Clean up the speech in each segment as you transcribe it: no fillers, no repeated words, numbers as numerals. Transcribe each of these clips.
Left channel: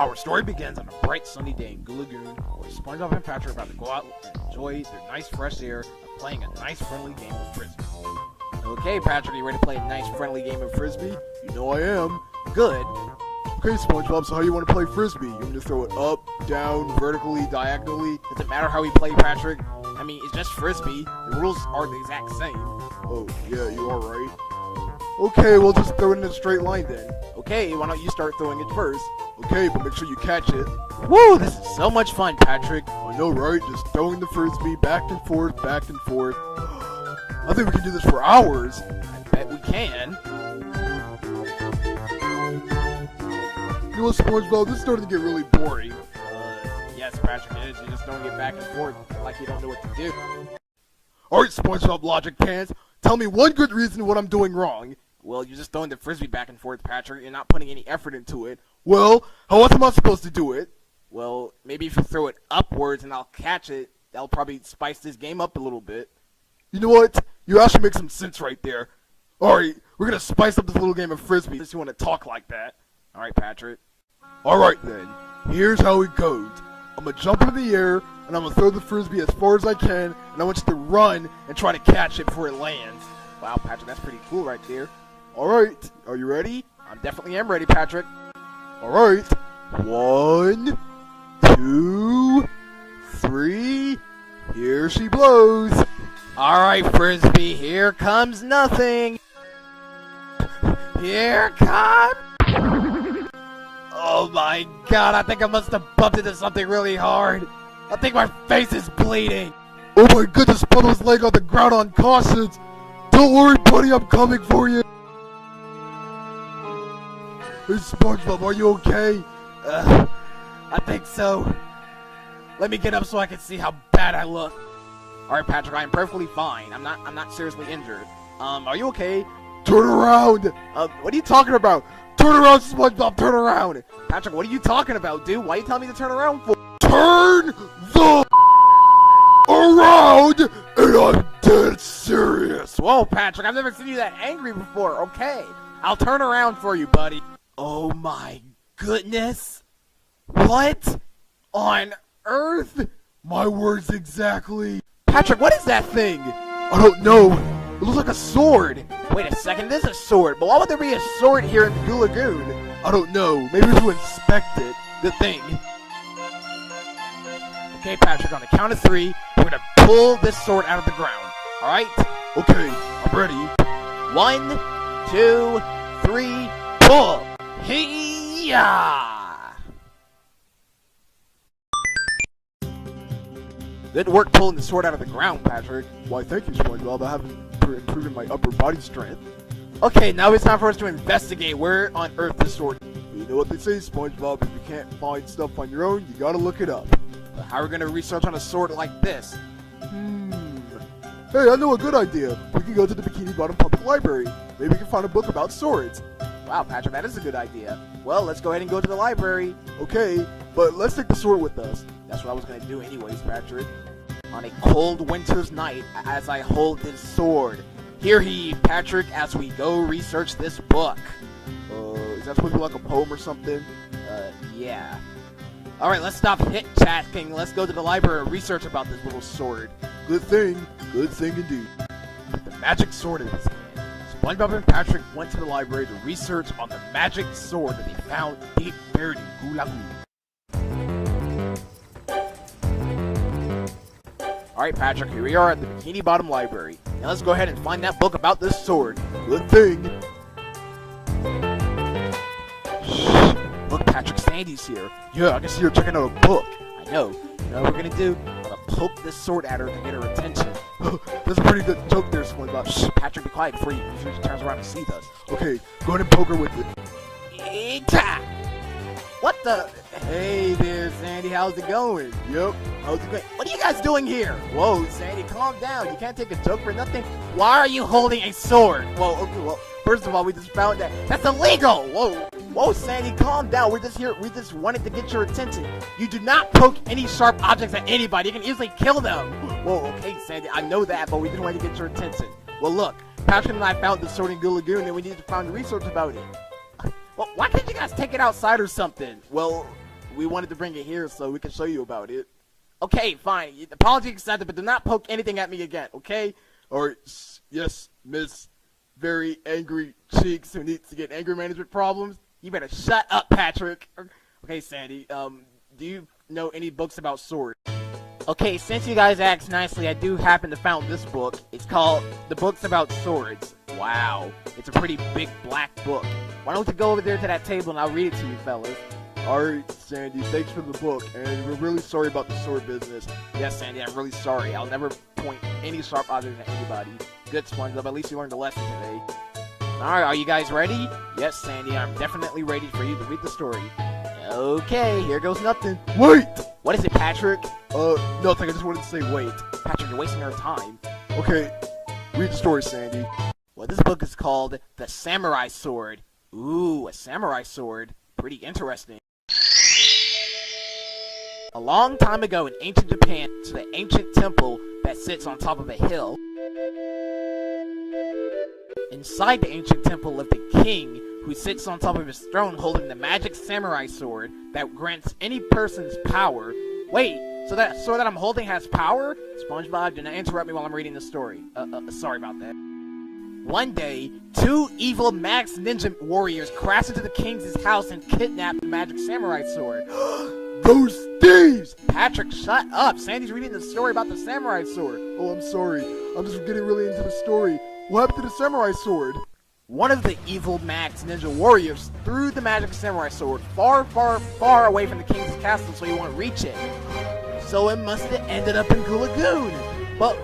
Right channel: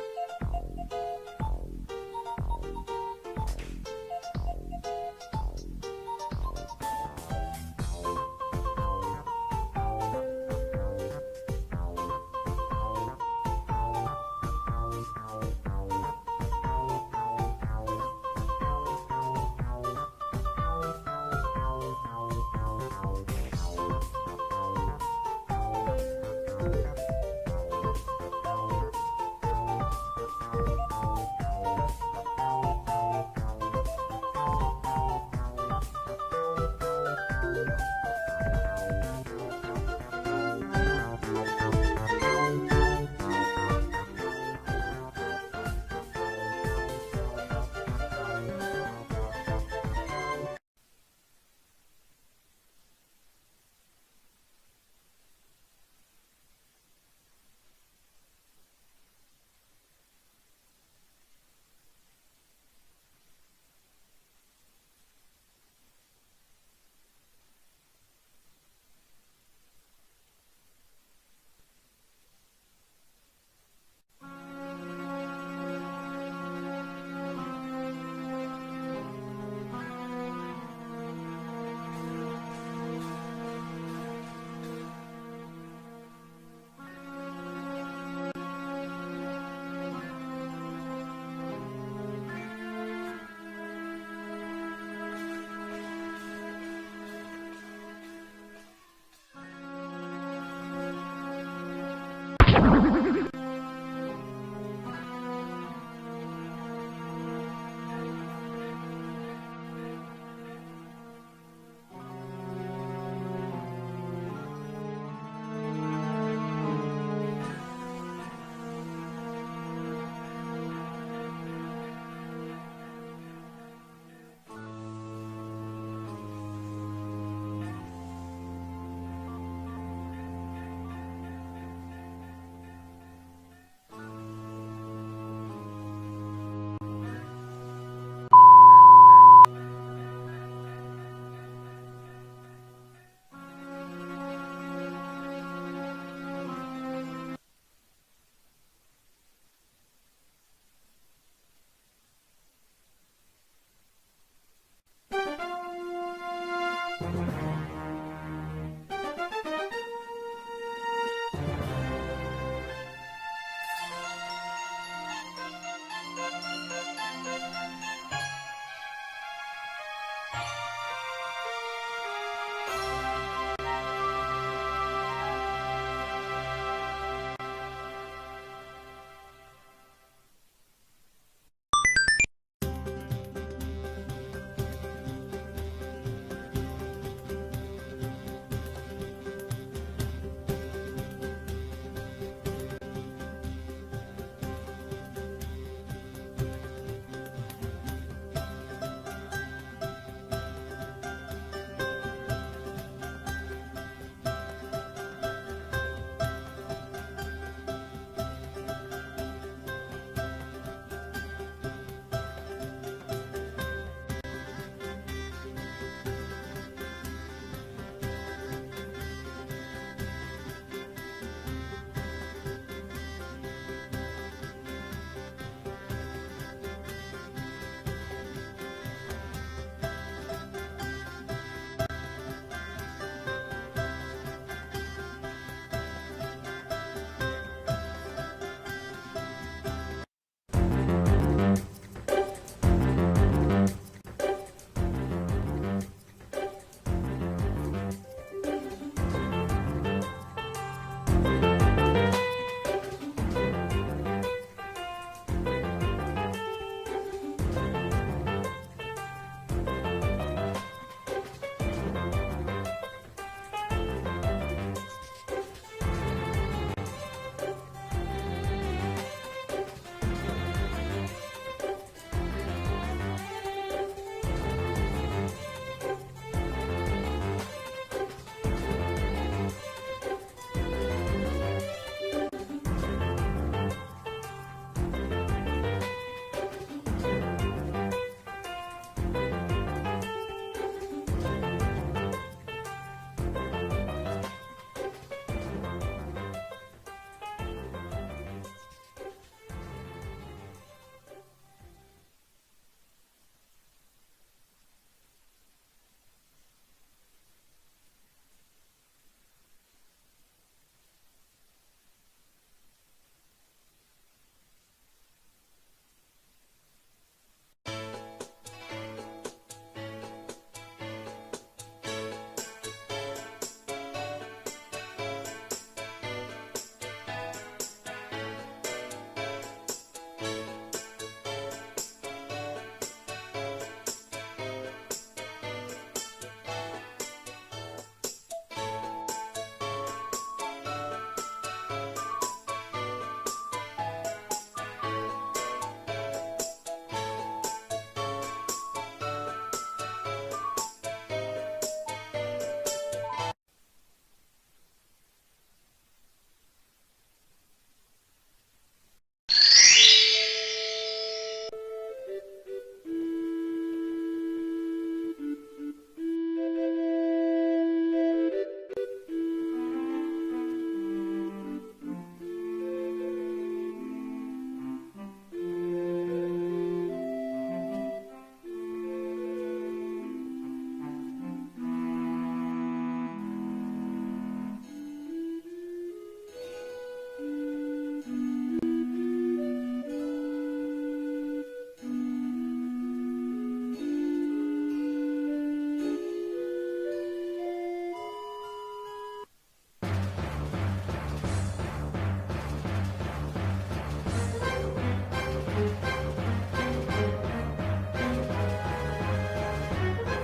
Our story begins on a bright sunny day in Goo Lagoon, where SpongeBob and Patrick are about to go out and enjoy their nice fresh air and playing a nice friendly game of Frisbee. Okay, Patrick, you ready to play a nice friendly game of Frisbee? You know I am. Good. Okay, SpongeBob, so how you want to play Frisbee? You want to throw it up, down, vertically, diagonally? Does it matter how we play, Patrick? I mean, it's just Frisbee. The rules are the exact same. Oh, yeah, you are right. Okay, we'll just throw it in a straight line then. Okay, why don't you start throwing it first? Okay, but make sure you catch it. Woo, this is so much fun, Patrick. I know, right? Just throwing the Frisbee back and forth, back and forth. I think we can do this for hours. I bet we can. You know, SpongeBob, this is starting to get really boring. Yes, Patrick, it is. You just don't get back and forth like you don't know what to do. Alright, SpongeBob Logic Pants, tell me one good reason what I'm doing wrong. Well, you're just throwing the Frisbee back and forth, Patrick. You're not putting any effort into it. Well, how else am I supposed to do it? Well, maybe if you throw it upwards and I'll catch it, that'll probably spice this game up a little bit. You know what? You actually make some sense right there. Alright, we're gonna spice up this little game of Frisbee since you want to talk like that. Alright, Patrick. Alright then, here's how it goes. I'm gonna jump into the air, and I'm gonna throw the Frisbee as far as I can, and I want you to run and try to catch it before it lands. Wow, Patrick, that's pretty cool right there. Alright, are you ready? I definitely am ready, Patrick. Alright, 1, 2, 3, here she blows. Alright, Frisbee, here comes nothing. Here comes... Oh my god, I think I must have bumped into something really hard. I think my face is bleeding. Oh my goodness, Puddle's leg on the ground unconscious. Don't worry, buddy, I'm coming for you. Hey, SpongeBob, are you okay? I think so. Let me get up so I can see how bad I look. Alright, Patrick, I am perfectly fine. I'm not seriously injured. Are you okay? Turn around! What are you talking about? Turn around, SpongeBob, turn around! Patrick, what are you talking about, dude? Why are you telling me to turn around for? Turn the around, and I'm dead serious. Whoa, Patrick, I've never seen you that angry before. Okay, I'll turn around for you, buddy. Oh my goodness. What on earth? My words exactly. Patrick, what is that thing? I don't know. It looks like a sword. Wait a second, it is a sword, but why would there be a sword here in Goo Lagoon? I don't know. Maybe if you inspect it. The thing. Okay, Patrick, on the count of 3, we're gonna pull this sword out of the ground. Alright? Okay, I'm ready. 1, 2, 3, pull! Hey-ya! Good work pulling the sword out of the ground, Patrick. Why, thank you, SpongeBob. I have improved my upper body strength. Okay, now it's time for us to investigate where on earth the sword is. You know what they say, SpongeBob. If you can't find stuff on your own, you gotta look it up. So how are we gonna research on a sword like this? Hey, I know a good idea. We can go to the Bikini Bottom Public Library. Maybe we can find a book about swords. Wow, Patrick, that is a good idea. Well, let's go ahead and go to the library. Okay, but let's take the sword with us. That's what I was gonna do anyways, Patrick. On a cold winter's night, as I hold this sword. Hear ye, Patrick, as we go research this book. Is that supposed to be like a poem or something? Yeah. Alright, let's stop hit-chatting. Let's go to the library and research about this little sword. Good thing indeed. The magic sword is. SpongeBob and Patrick went to the library to research on the magic sword that they found deep buried in Goo Lagoon. Alright, Patrick, here we are at the Bikini Bottom Library. Now let's go ahead and find that book about this sword. Good thing. Shh. Look, Patrick, Sandy's here. Yeah, I can see her checking out a book. I know. You know what we're gonna do? We're gonna poke this sword at her to get her attention. That's a pretty good joke there, SpongeBob. Shh, Patrick, be quiet before she turns around and sees us. Okay, go ahead and poke her with it. Eita! What the? Hey there, Sandy, how's it going? Yep. How's it going? What are you guys doing here? Whoa, Sandy, calm down. You can't take a joke for nothing. Why are you holding a sword? Whoa, okay, well, first of all, we just found that. That's illegal! Whoa, Sandy, calm down. We're just here. We just wanted to get your attention. You do not poke any sharp objects at anybody. You can easily kill them. Whoa, okay, Sandy, I know that, but we just wanted to get your attention. Well, look, Patrick and I found the sword in Goo Lagoon, and we need to find research about it. Well, why can't you guys take it outside or something? Well, we wanted to bring it here so we can show you about it. Okay, fine. Apology accepted, but do not poke anything at me again, okay? Or, yes, Miss Very Angry Cheeks who needs to get anger management problems. You better shut up, Patrick. Okay, Sandy, do you know any books about swords? Okay, since you guys asked nicely, I do happen to found this book. It's called The Books About Swords. Wow, it's a pretty big black book. Why don't you go over there to that table and I'll read it to you, fellas. Alright, Sandy, thanks for the book, and we're really sorry about the sword business. Yes, Sandy, I'm really sorry. I'll never point any sharp object at anybody. Good, SpongeBob, at least you learned a lesson today. Alright, are you guys ready? Yes, Sandy, I'm definitely ready for you to read the story. Okay, here goes nothing. Wait! What is it, Patrick? Nothing, I just wanted to say wait. Patrick, you're wasting our time. Okay, read the story, Sandy. Well, this book is called The Samurai Sword. Ooh, a samurai sword. Pretty interesting. A long time ago in ancient Japan, to the ancient temple that sits on top of a hill. Inside the ancient temple lived a king who sits on top of his throne holding the magic samurai sword that grants any person's power. Wait, so that sword that I'm holding has power? SpongeBob, do not interrupt me while I'm reading the story. Sorry about that. One day, two evil Max Ninja warriors crash into the king's house and kidnap the magic samurai sword. Those thieves! Patrick, shut up! Sandy's reading the story about the samurai sword. Oh, I'm sorry. I'm just getting really into the story. What happened to the samurai sword? One of the evil Max Ninja warriors threw the magic samurai sword far, far, far away from the king's castle so he won't reach it. So it must have ended up in Goo Lagoon. Well,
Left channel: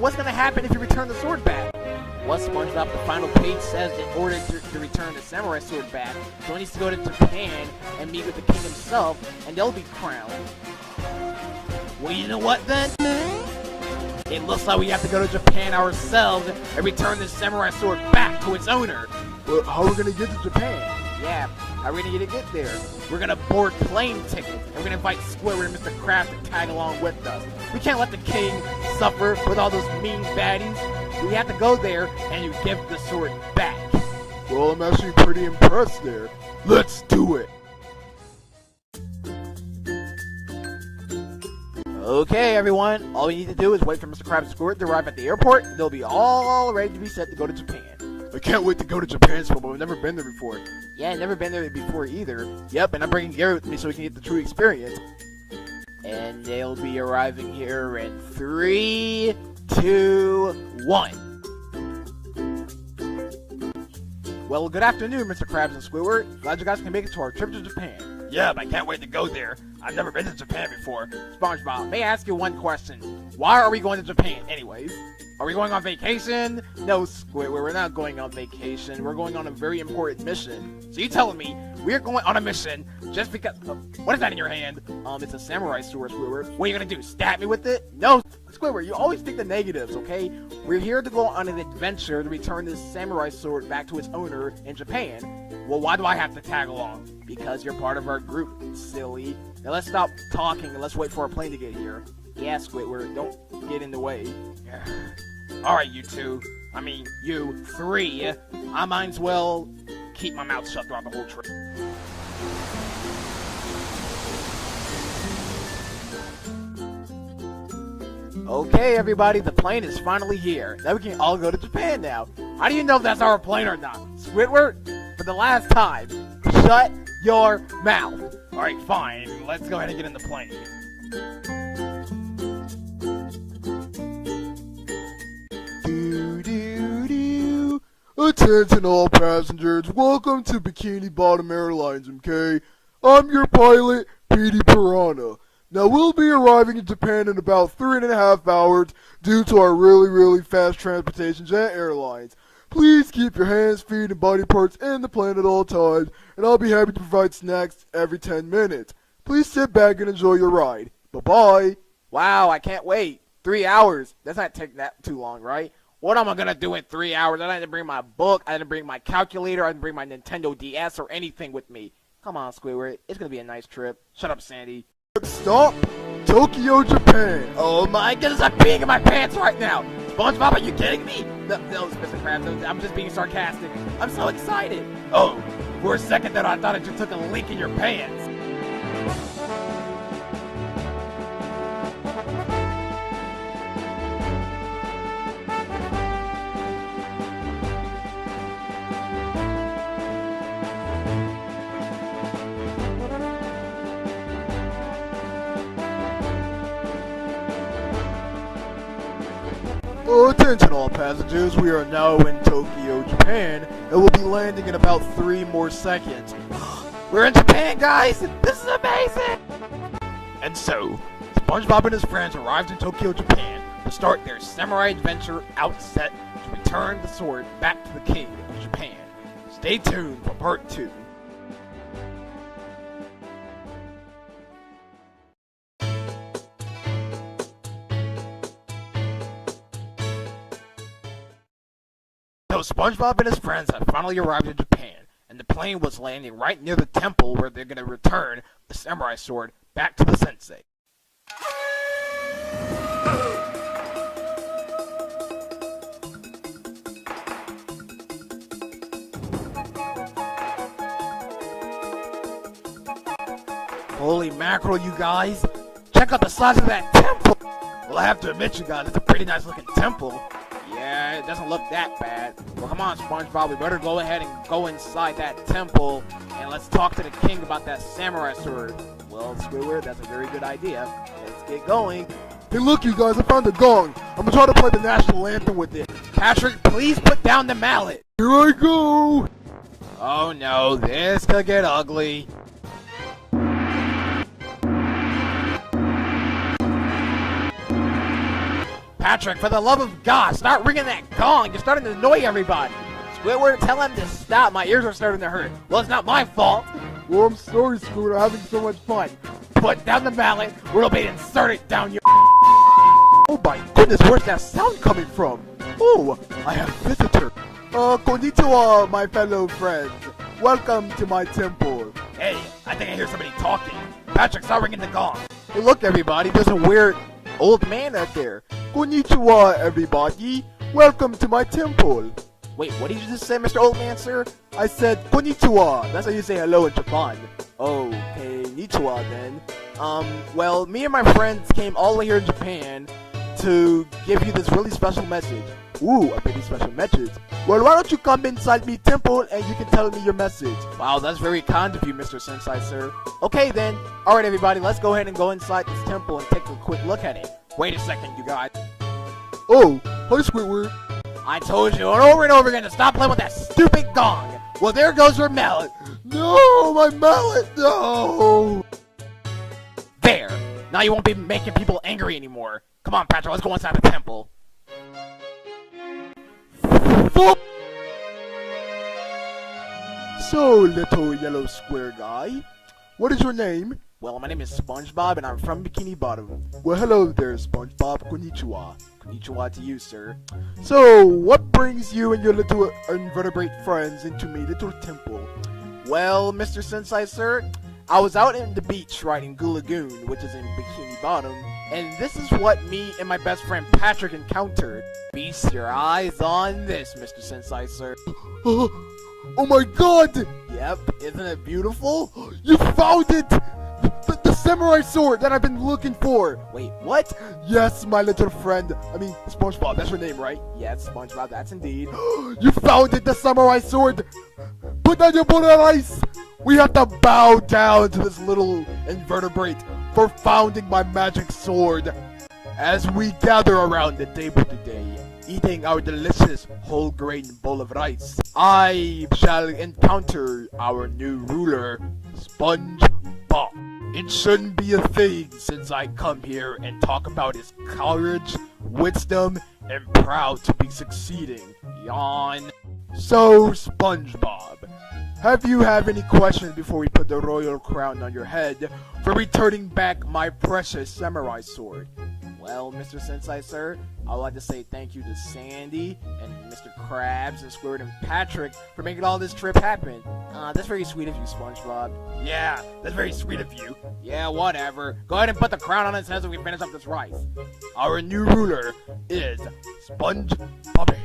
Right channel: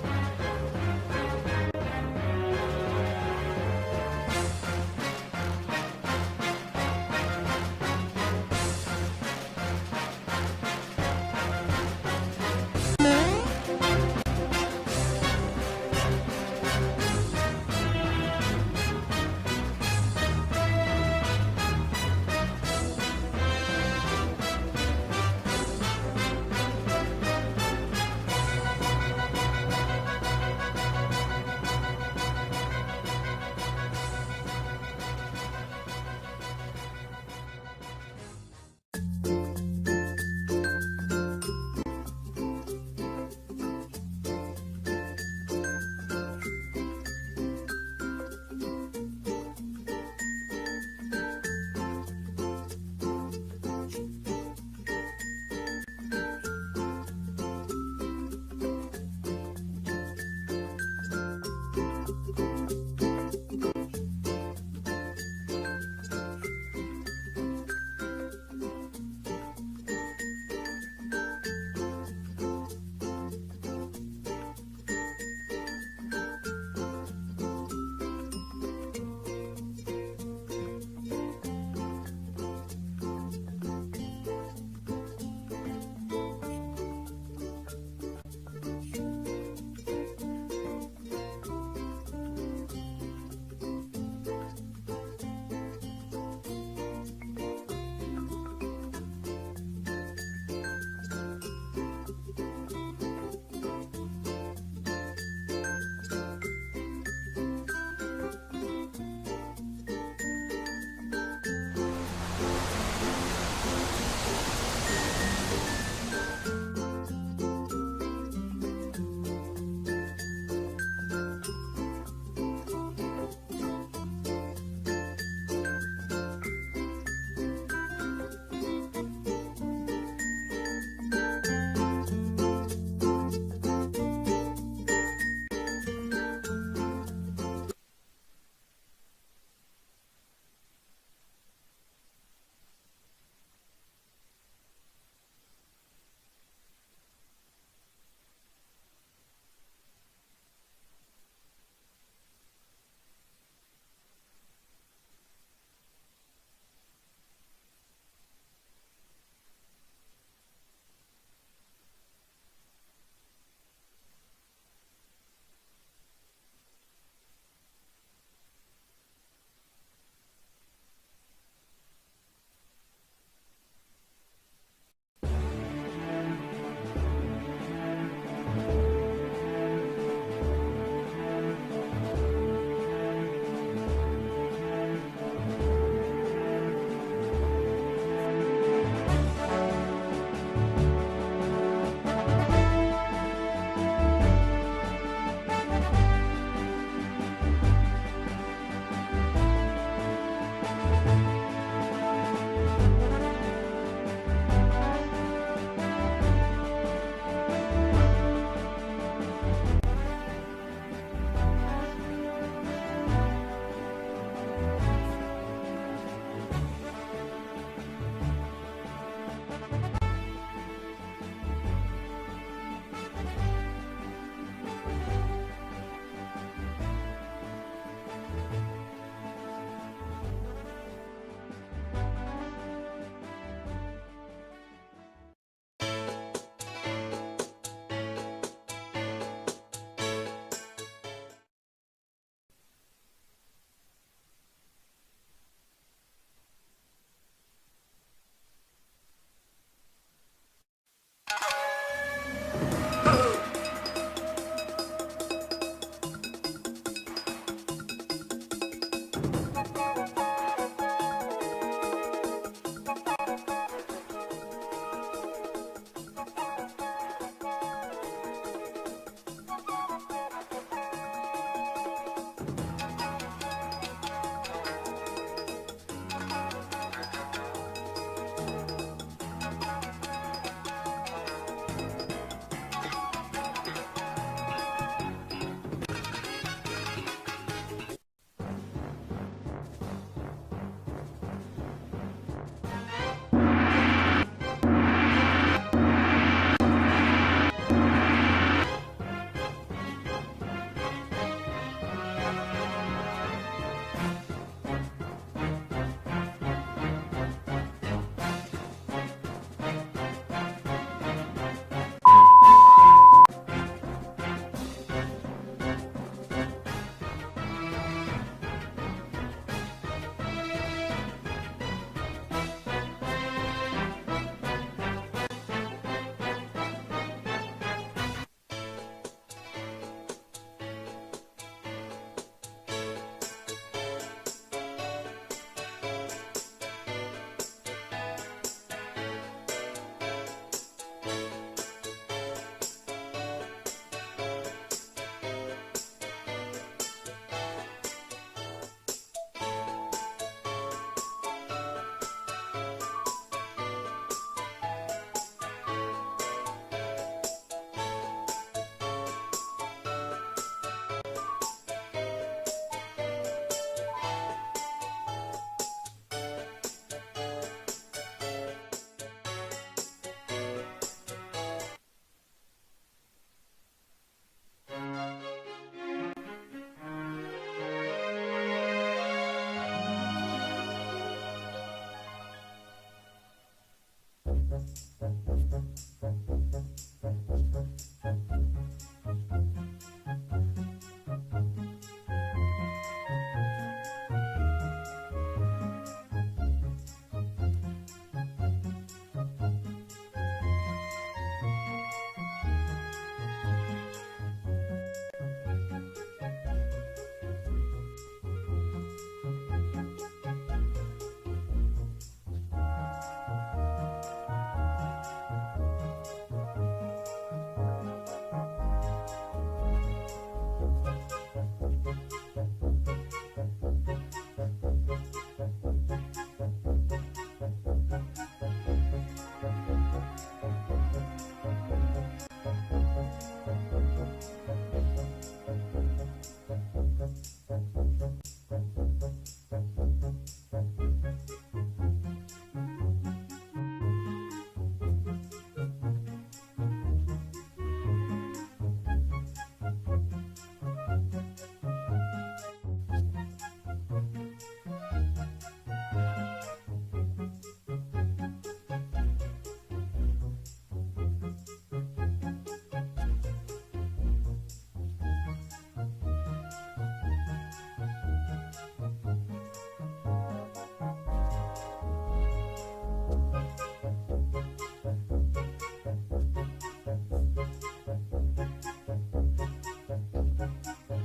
what's gonna happen if you return the sword back? Well, SpongeBob, the final page says in order to return the samurai sword back, he needs to go to Japan and meet with the king himself, and they'll be crowned. Well, you know what then? It looks like we have to go to Japan ourselves and return the samurai sword back to its owner. Well, how are we gonna get to Japan? Yeah, how are we gonna get there? We're gonna board plane tickets. We're gonna invite Squidward and Mr. Krabs to tag along with us. We can't let the king suffer with all those mean baddies. We have to go there and you give the sword back. Well, I'm actually pretty impressed there. Let's do it! Okay, everyone. All we need to do is wait for Mr. Krabs and Squidward to arrive at the airport. They'll be all ready to be set to go to Japan. I can't wait to go to Japan, SpongeBob. I've never been there before. Yeah, I've never been there before either. Yep, and I'm bringing Gary with me so we can get the true experience. And they'll be arriving here in 3, 2, 1. Well, good afternoon, Mr. Krabs and Squidward. Glad you guys can make it to our trip to Japan. Yeah, but I can't wait to go there. I've never been to Japan before. SpongeBob, may I ask you one question? Why are we going to Japan anyways? Are we going on vacation? No, Squidward, we're not going on vacation. We're going on a very important mission. So you telling me we're going on a mission just because... what is that in your hand? It's a samurai sword, Squidward. What are you gonna do, stab me with it? No, Squidward, you always think the negatives, okay? We're here to go on an adventure to return this samurai sword back to its owner in Japan. Well, why do I have to tag along? Because you're part of our group, silly. Now let's stop talking and let's wait for our plane to get here. Yeah, Squidward, don't get in the way. Alright, you two. I mean, you three. I might as well keep my mouth shut throughout the whole trip. Okay, everybody, the plane is finally here. Now we can all go to Japan now. How do you know if that's our plane or not? Squidward, for the last time, shut your mouth. Alright, fine. Let's go ahead and get in the plane. Attention all passengers, welcome to Bikini Bottom Airlines, okay? I'm your pilot, Petey Piranha. Now we'll be arriving in Japan in about 3.5 hours due to our really fast transportation jet airlines. Please keep your hands, feet, and body parts in the plane at all times, and I'll be happy to provide snacks every 10 minutes. Please sit back and enjoy your ride. Bye-bye. Wow, I can't wait. 3 hours. That's not taking that too long, right? What am I gonna do in 3 hours? I didn't bring my book, I didn't bring my calculator, I didn't bring my Nintendo DS or anything with me. Come on, Squidward. It's gonna be a nice trip. Shut up, Sandy. Stop! Tokyo, Japan. Oh my goodness, I'm peeing in my pants right now! SpongeBob, are you kidding me? No, Mr. Krabs, no, I'm just being sarcastic. I'm so excited. Oh, for a second there I thought I just took a leak in your pants. Attention all passengers, we are now in Tokyo, Japan, and we'll be landing in about 3 more seconds. We're in Japan, guys! This is amazing! And so, SpongeBob and his friends arrived in Tokyo, Japan to start their samurai adventure outset to return the sword back to the king of Japan. Stay tuned for part 2. So SpongeBob and his friends have finally arrived in Japan, and the plane was landing right near the temple where they're going to return the samurai sword back to the sensei. Holy mackerel, you guys! Check out the size of that temple! Well, I have to admit, you guys, it's a pretty nice looking temple. Yeah, it doesn't look that bad. Well, come on, SpongeBob, we better go ahead and go inside that temple, and let's talk to the king about that samurai sword. Well, Squidward, that's a very good idea. Let's get going. Hey look you guys, I found a gong. I'm gonna try to play the national anthem with it. Patrick, please put down the mallet. Here I go! Oh no, this could get ugly. Patrick, for the love of God, start ringing that gong. You're starting to annoy everybody. Squidward, tell him to stop. My ears are starting to hurt. Well, it's not my fault. Well, I'm sorry, Squidward, I'm having so much fun. Put down the mallet, or it'll be inserted down your... Oh my goodness, where's that sound coming from? Oh, I have a visitor. Konnichiwa, my fellow friends. Welcome to my temple. Hey, I think I hear somebody talking. Patrick, start ringing the gong. Hey, look, everybody, there's a weird old man out there. Konnichiwa, everybody. Welcome to my temple. Wait, what did you just say, Mr. Old Man, sir? I said konnichiwa. That's how you say hello in Japan. Okay, konnichiwa then. Well, me and my friends came all the way here in Japan to give you this really special message. Ooh, a pretty special message. Well, why don't you come inside me temple and you can tell me your message? Wow, that's very kind of you, Mr. Sensei, sir. Okay then. Alright everybody, let's go ahead and go inside this temple and take a quick look at it. Wait a second, you guys. Oh, hi Squidward. I told you over and over again to stop playing with that stupid gong. Well, there goes your mallet. No, my mallet, no. There. Now you won't be making people angry anymore. Come on, Patrick, let's go inside the temple. So, little yellow square guy, what is your name? Well, my name is SpongeBob, and I'm from Bikini Bottom. Well, hello there, SpongeBob. Konnichiwa. Konnichiwa to you, sir. So, what brings you and your little invertebrate friends into me little temple? Well, Mr. Sensei, sir, I was out in the beach riding Goo Lagoon, which is in Bikini Bottom, and this is what me and my best friend Patrick encountered. Feast your eyes on this, Mr. Sensei, sir. Oh my god! Yep, isn't it beautiful? You found it! The samurai sword that I've been looking for! Wait, what? Yes, my little friend. I mean, SpongeBob, that's your name, right? Yes, SpongeBob, that's indeed. You found it, the samurai sword! Put down your bullet ice! We have to bow down to this little invertebrate for founding my magic sword. As we gather around the table today, eating our delicious whole grain bowl of rice, I shall encounter our new ruler, SpongeBob. It shouldn't be a thing since I come here and talk about his courage, wisdom, and proud to be succeeding. Yawn. So, SpongeBob, have you any questions before we put the royal crown on your head for returning back my precious samurai sword? Well, Mr. Sensei, sir, I would like to say thank you to Sandy and Mr. Krabs and Squirt and Patrick for making all this trip happen. That's very sweet of you, SpongeBob. Yeah, that's very sweet of you. Yeah, whatever. Go ahead and put the crown on his head so we can finish up this rice. Our new ruler is SpongeBob.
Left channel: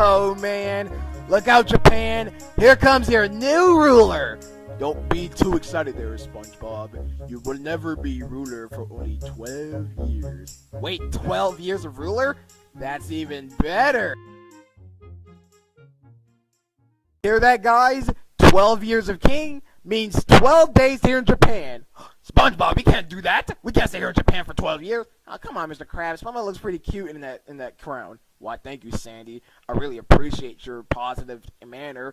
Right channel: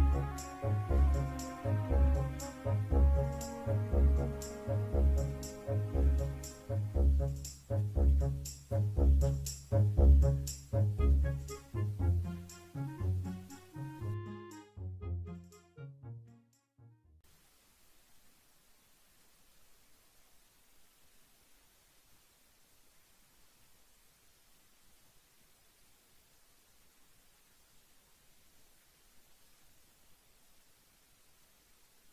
Oh man, look out Japan, here comes your new ruler. Don't be too excited there, SpongeBob. You will never be ruler for only 12 years. Wait, 12 years of ruler? That's even better! Hear that, guys? 12 years of king means 12 days here in Japan. SpongeBob, we can't do that. We can't stay here in Japan for 12 years. Oh, come on, Mr. Krabs. SpongeBob looks pretty cute in that crown. Why, thank you, Sandy. I really appreciate your positive manner.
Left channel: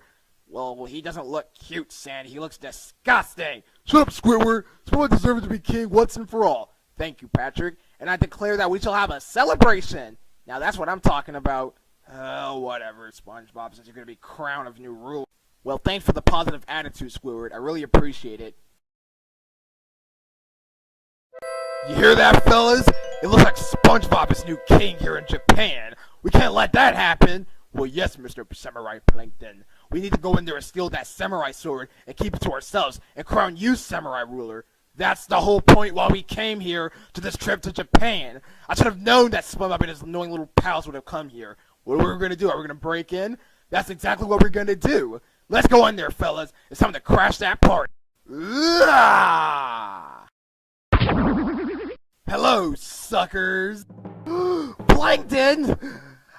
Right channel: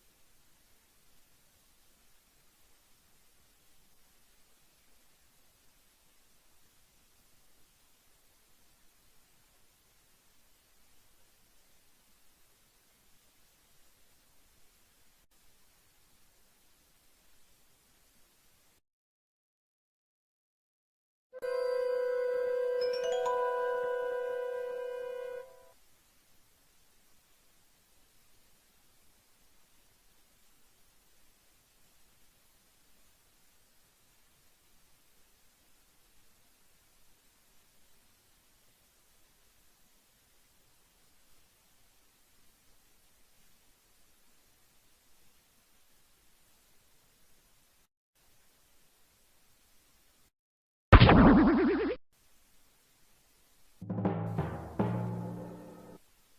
Well, he doesn't look cute, Sandy. He looks disgusting. Shut up, Squidward. SpongeBob deserves to be king once and for all. Thank you, Patrick. And I declare that we shall have a celebration. Now, that's what I'm talking about. Oh, whatever, SpongeBob, since you're going to be crown of new ruler. Well, thanks for the positive attitude, Squidward. I really appreciate it. You hear that, fellas? It looks like SpongeBob is new king here in Japan. We can't let that happen. Well, yes, Mr. Samurai Plankton. We need to go in there and steal that samurai sword and keep it to ourselves and crown you samurai ruler. That's the whole point why we came here to this trip to Japan. I should have known that SpongeBob and his annoying little pals would have come here. What are we going to do? Are we going to break in? That's exactly what we're going to do. Let's go in there, fellas. It's time to crash that party. Hello, suckers. Plankton!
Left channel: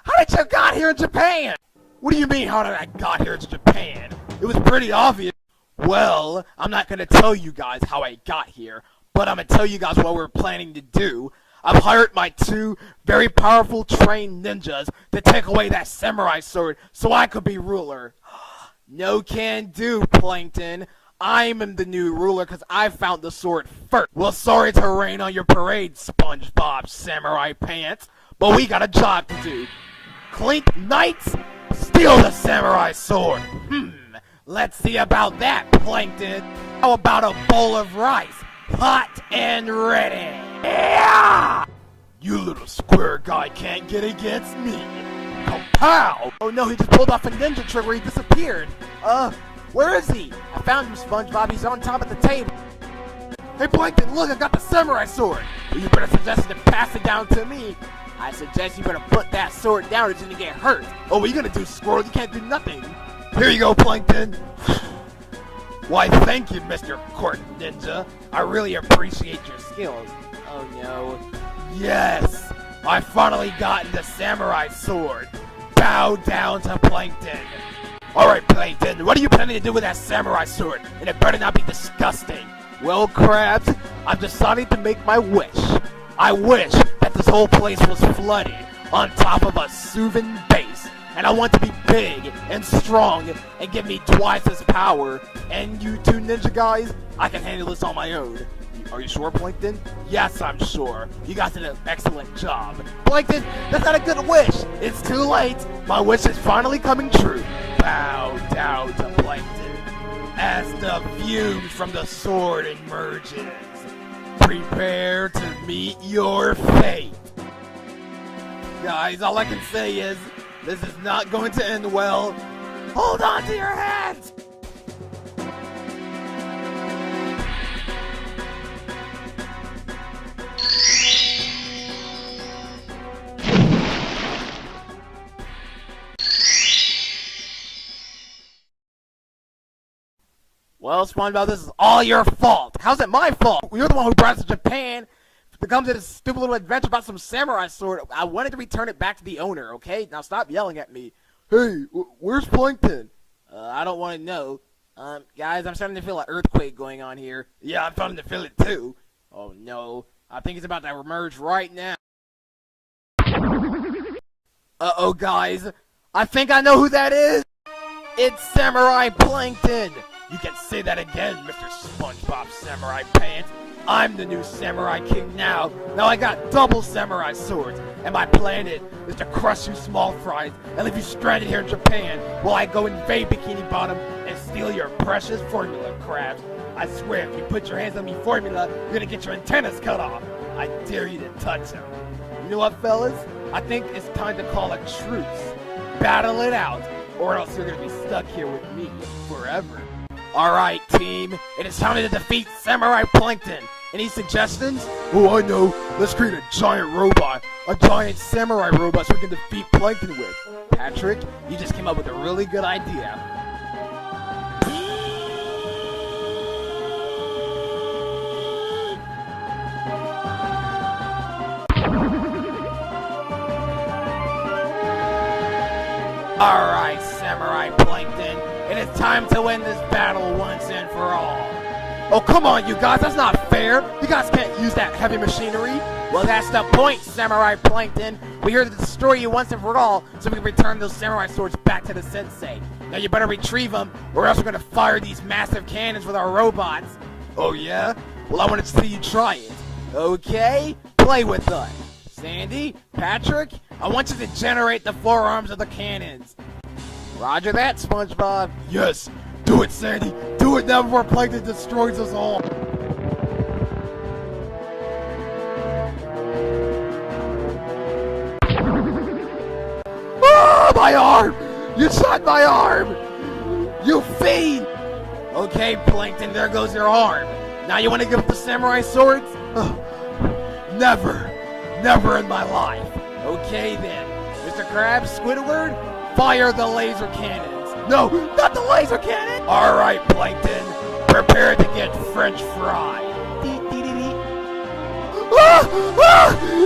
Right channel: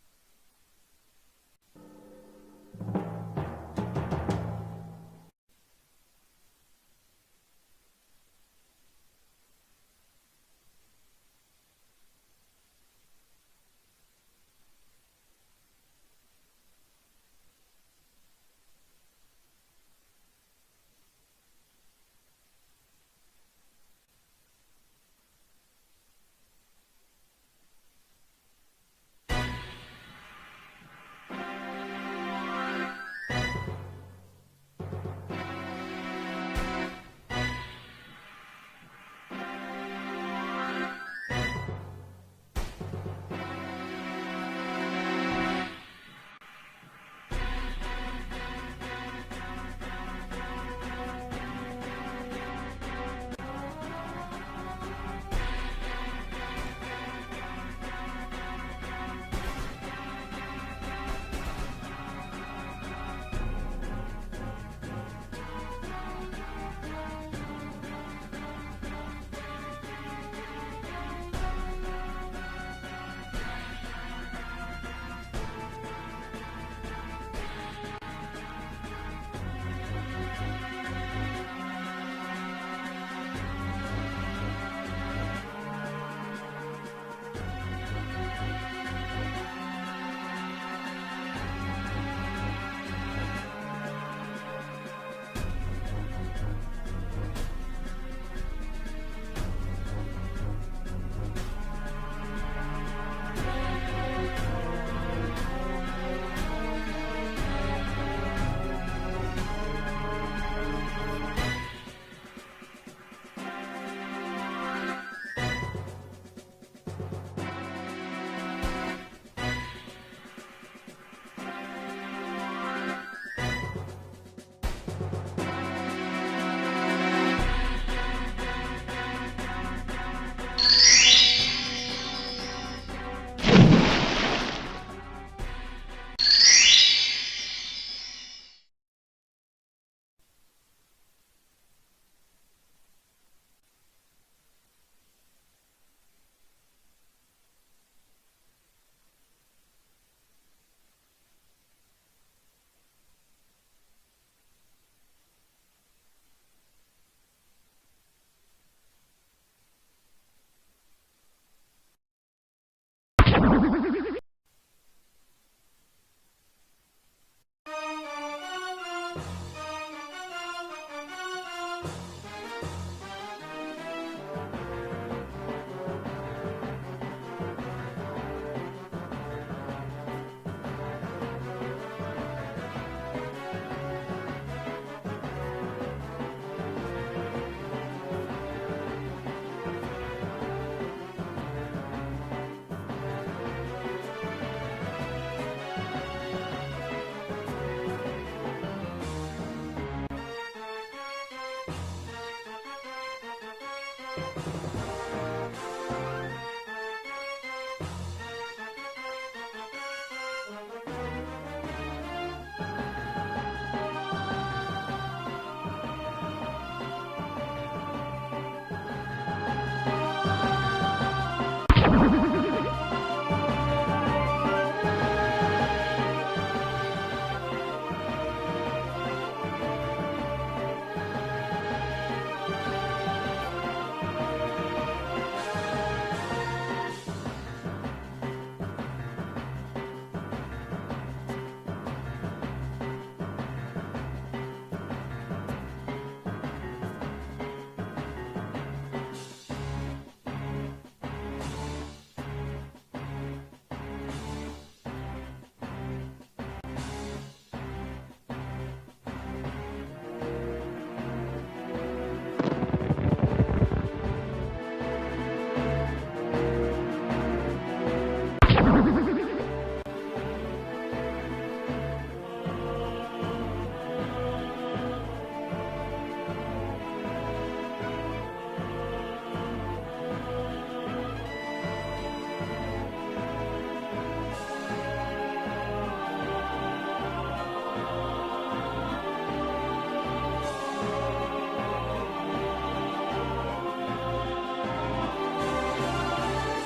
How did you got here in Japan? What do you mean, how did I got here to Japan? It was pretty obvious. Well, I'm not going to tell you guys how I got here, but I'm going to tell you guys what we're planning to do. I've hired my 2 very powerful trained ninjas to take away that samurai sword so I could be ruler. No can do, Plankton. I'm the new ruler because I found the sword first. Well, sorry to rain on your parade, SpongeBob Samurai Pants, but we got a job to do. Clink Knights, steal the samurai sword. Let's see about that, Plankton. How about a bowl of rice? Hot and ready. Yeah! You little square guy can't get against me. Pow! Oh no, he just pulled off a ninja trick where he disappeared. Where is he? I found you, SpongeBob. He's on top of the table. Hey, Plankton, look, I got the samurai sword. Well, you better suggest to pass it down to me. I suggest you better put that sword down until you get hurt. Oh, what are you gonna do, Squirrel? You can't do nothing. Here you go, Plankton. Why, thank you, Mr. Court Ninja. I really appreciate your skills. Oh, no. Yes! I finally got the samurai sword. Bow down to Plankton. Alright, Plankton, what are you planning to do with that samurai sword? And it better not be disgusting. Well, Krabs, I'm deciding to make my wish. I wish that this whole place was flooded on top of a soothing base. And I want to be big and strong and give me twice as power. And you 2 ninja guys, I can handle this on my own. Are you sure, Plankton? Yes, I'm sure. You guys did an excellent job. Plankton, that's not a good wish. It's too late. My wish is finally coming true. Bow down to Plankton as the fumes from the sword emerges. Prepare to meet your fate. Guys, all I can say is, this is not going to end well. Hold on to your hats! Well, SpongeBob, this is all your fault. How's it my fault? You're the one who brought us to Japan to come to this stupid little adventure about some samurai sword. I wanted to return it back to the owner, okay? Now stop yelling at me. Hey, where's Plankton? I don't want to know. Guys, I'm starting to feel an earthquake going on here. Yeah, I'm starting to feel it too. Oh no, I think it's about to emerge right now. Uh-oh, guys. I think I know who that is. It's Samurai Plankton. You can say that again, Mr. SpongeBob Samurai Pants. I'm the new Samurai King now. Now I got double samurai swords. And my plan is to crush you small fries and leave you stranded here in Japan while I go invade Bikini Bottom and steal your precious formula, Crab. I swear, if you put your hands on me formula, you're gonna get your antennas cut off. I dare you to touch them. You know what, fellas? I think it's time to call a truce. Battle it out, or else you're gonna be stuck here with me forever. Alright, team, it is time to defeat Samurai Plankton. Any suggestions? Oh, I know. Let's create a giant robot. A giant samurai robot so we can defeat Plankton with. Patrick, you just came up with a really good idea. come on, you guys, that's not fair. You guys can't use that heavy machinery. Well, that's the point, Samurai Plankton. We're here to destroy you once and for all, so we can return those samurai swords back to the sensei. Now you better retrieve them, or else we're gonna fire these massive cannons with our robots. Oh yeah? Well, I want to see you try it. Okay? Play with us. Sandy, Patrick, I want you to generate the forearms of the cannons. Roger that, SpongeBob. Yes, do it, Sandy. Do it now before Plankton destroys us all. Oh, my arm! You shot my arm! You fiend! Okay, Plankton, there goes your arm. Now you want to give up the samurai swords? Never. Never in my life. Okay then. Mr. Krabs, Squidward, fire the laser cannons. No, not the laser cannon! Alright, Plankton. Prepare to get French fried.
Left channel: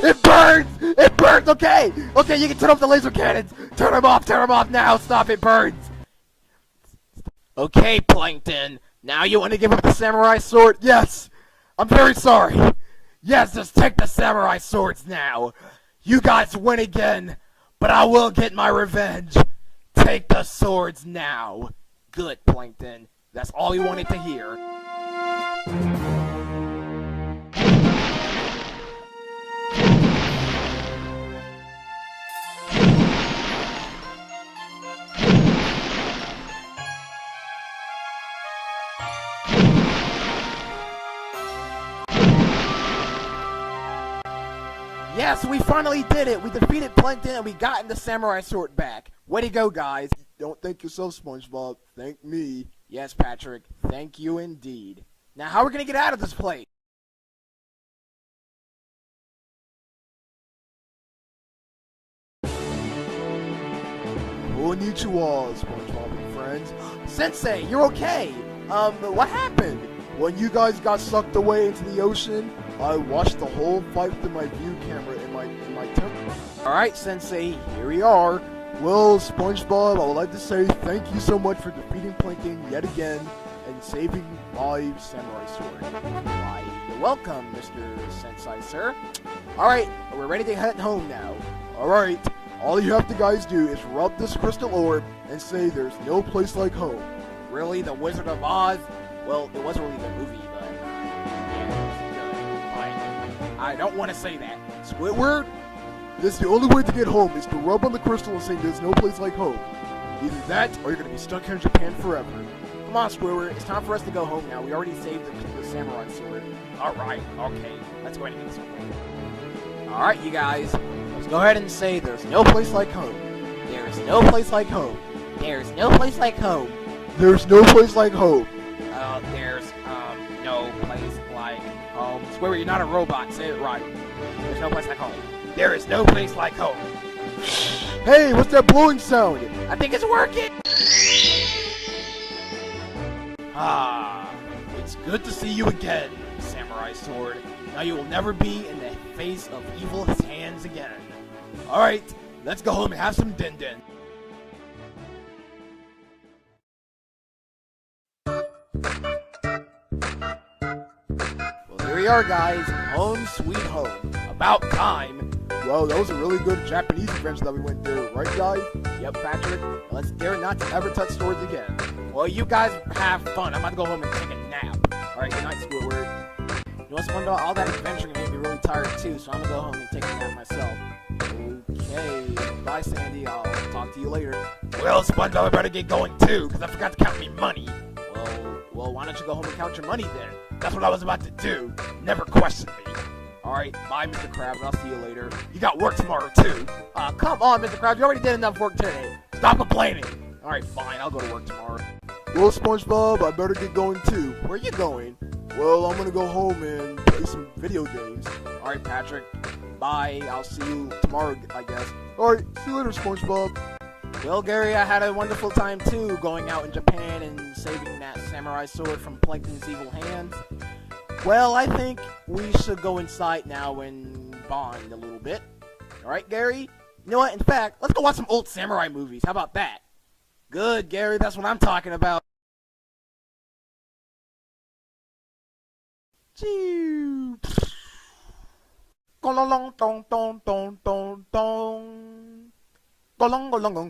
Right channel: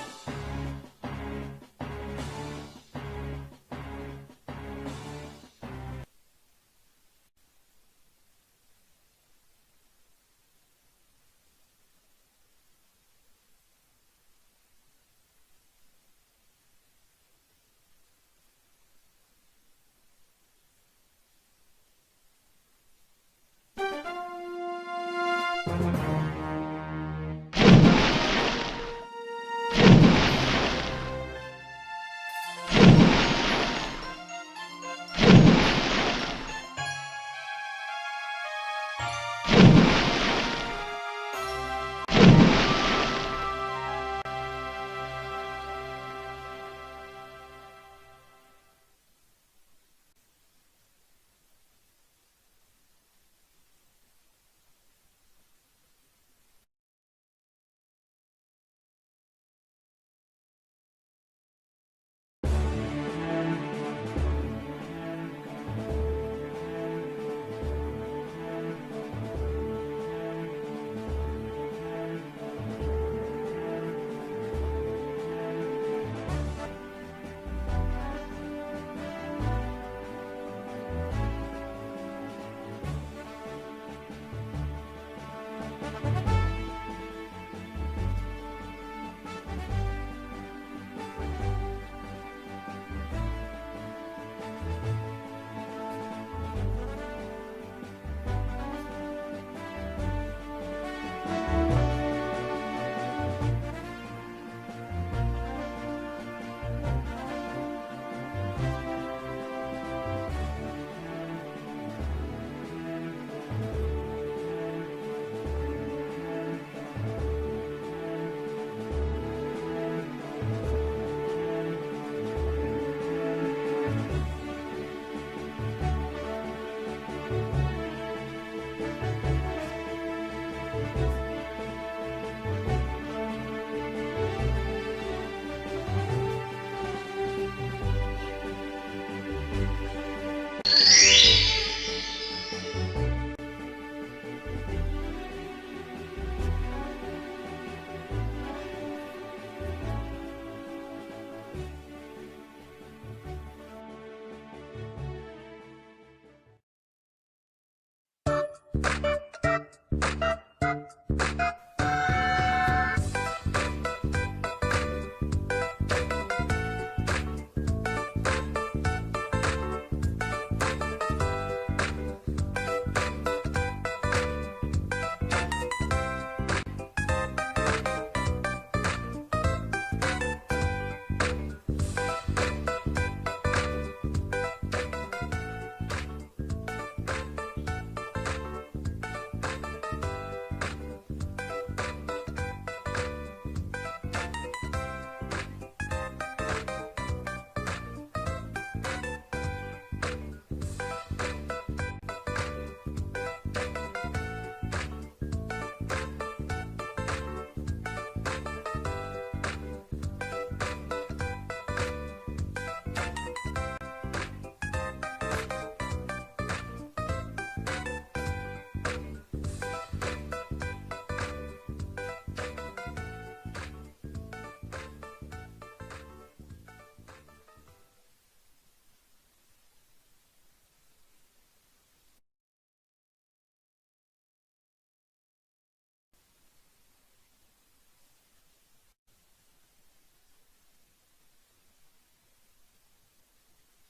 It burns! It burns! Okay! Okay, you can turn off the laser cannons! Turn them off now! Stop, it burns! Okay, Plankton. Now you want to give up the samurai sword? Yes! I'm very sorry! Yes, just take the samurai swords now! You guys win again, but I will get my revenge! Take the swords now! Good, Plankton. That's all we wanted to hear. Yes, we finally did it! We defeated Plankton and we got the samurai sword back. Way to go, guys. Don't thank yourself, SpongeBob. Thank me. Yes, Patrick. Thank you indeed. Now, how are we gonna get out of this place? Konnichiwa, SpongeBob and friends. Sensei, you're okay. What happened? When you guys got sucked away into the ocean, I watched the whole fight through my view camera in my temple. Alright, Sensei, here we are. Well, SpongeBob, I would like to say thank you so much for defeating Plankton yet again and saving my samurai sword. Why, you're welcome, Mr. Sensei, sir. Alright, we're ready to head home now. Alright, all you have to guys do is rub this crystal orb and say there's no place like home. Really? The Wizard of Oz? Well, it wasn't really the movie, but I don't want to say that. Squidward, this the only way to get home is to rub on the crystal and say there's no place like home. Either that, or you're gonna be stuck here in Japan forever. Come on, Squidward, it's time for us to go home now. We already saved the samurai sword. Alright, okay, let's go ahead and get started. Alright, you guys, let's go ahead and say there's no place like home. There's no place like home. There's no place like home. There's no place like home. There's no place like home. Squidward, you're not a robot. Say it right. There's no place like home. There is no place like home. Hey, what's that blowing sound? I think it's working. Ah, it's good to see you again, Samurai Sword. Now you will never be in the face of evil's hands again. Alright, let's go home and have some din-din. Well, here we are, guys. Home sweet home. About time. Well, that was a really good Japanese adventure that we went through, right, guys? Yep, Patrick. Let's dare not to ever touch swords again. Well, you guys have fun. I'm about to go home and take a nap. Alright, good night, Squidward. You know what's fun about all that adventuring? I'm gonna be really tired too, so I'm gonna go home and take a nap myself. Okay. Bye, Sandy. I'll talk to you later. Well, SpongeBob, I better get going too, because I forgot to count me money. Well, why don't you go home and count your money then? That's what I was about to do. Never question me. Alright, bye, Mr. Krabs. I'll see you later. You got work tomorrow, too. Come on, Mr. Krabs. You already did enough work today. Stop complaining. Alright, fine. I'll go to work tomorrow. Well, SpongeBob, I better get going too. Where are you going? Well, I'm gonna go home and play some video games. Alright, Patrick. Bye. I'll see you tomorrow, I guess. Alright, see you later, SpongeBob. Well, Gary, I had a wonderful time, too, going out in Japan and saving that samurai sword from Plankton's evil hands. Well, I think we should go inside now and bond a little bit. Alright, Gary? You know what? In fact, let's go watch some old samurai movies. How about that? Good, Gary. That's what I'm talking about. Choo. Golong, dong, dong, dong, dong, dong. Golong, golong,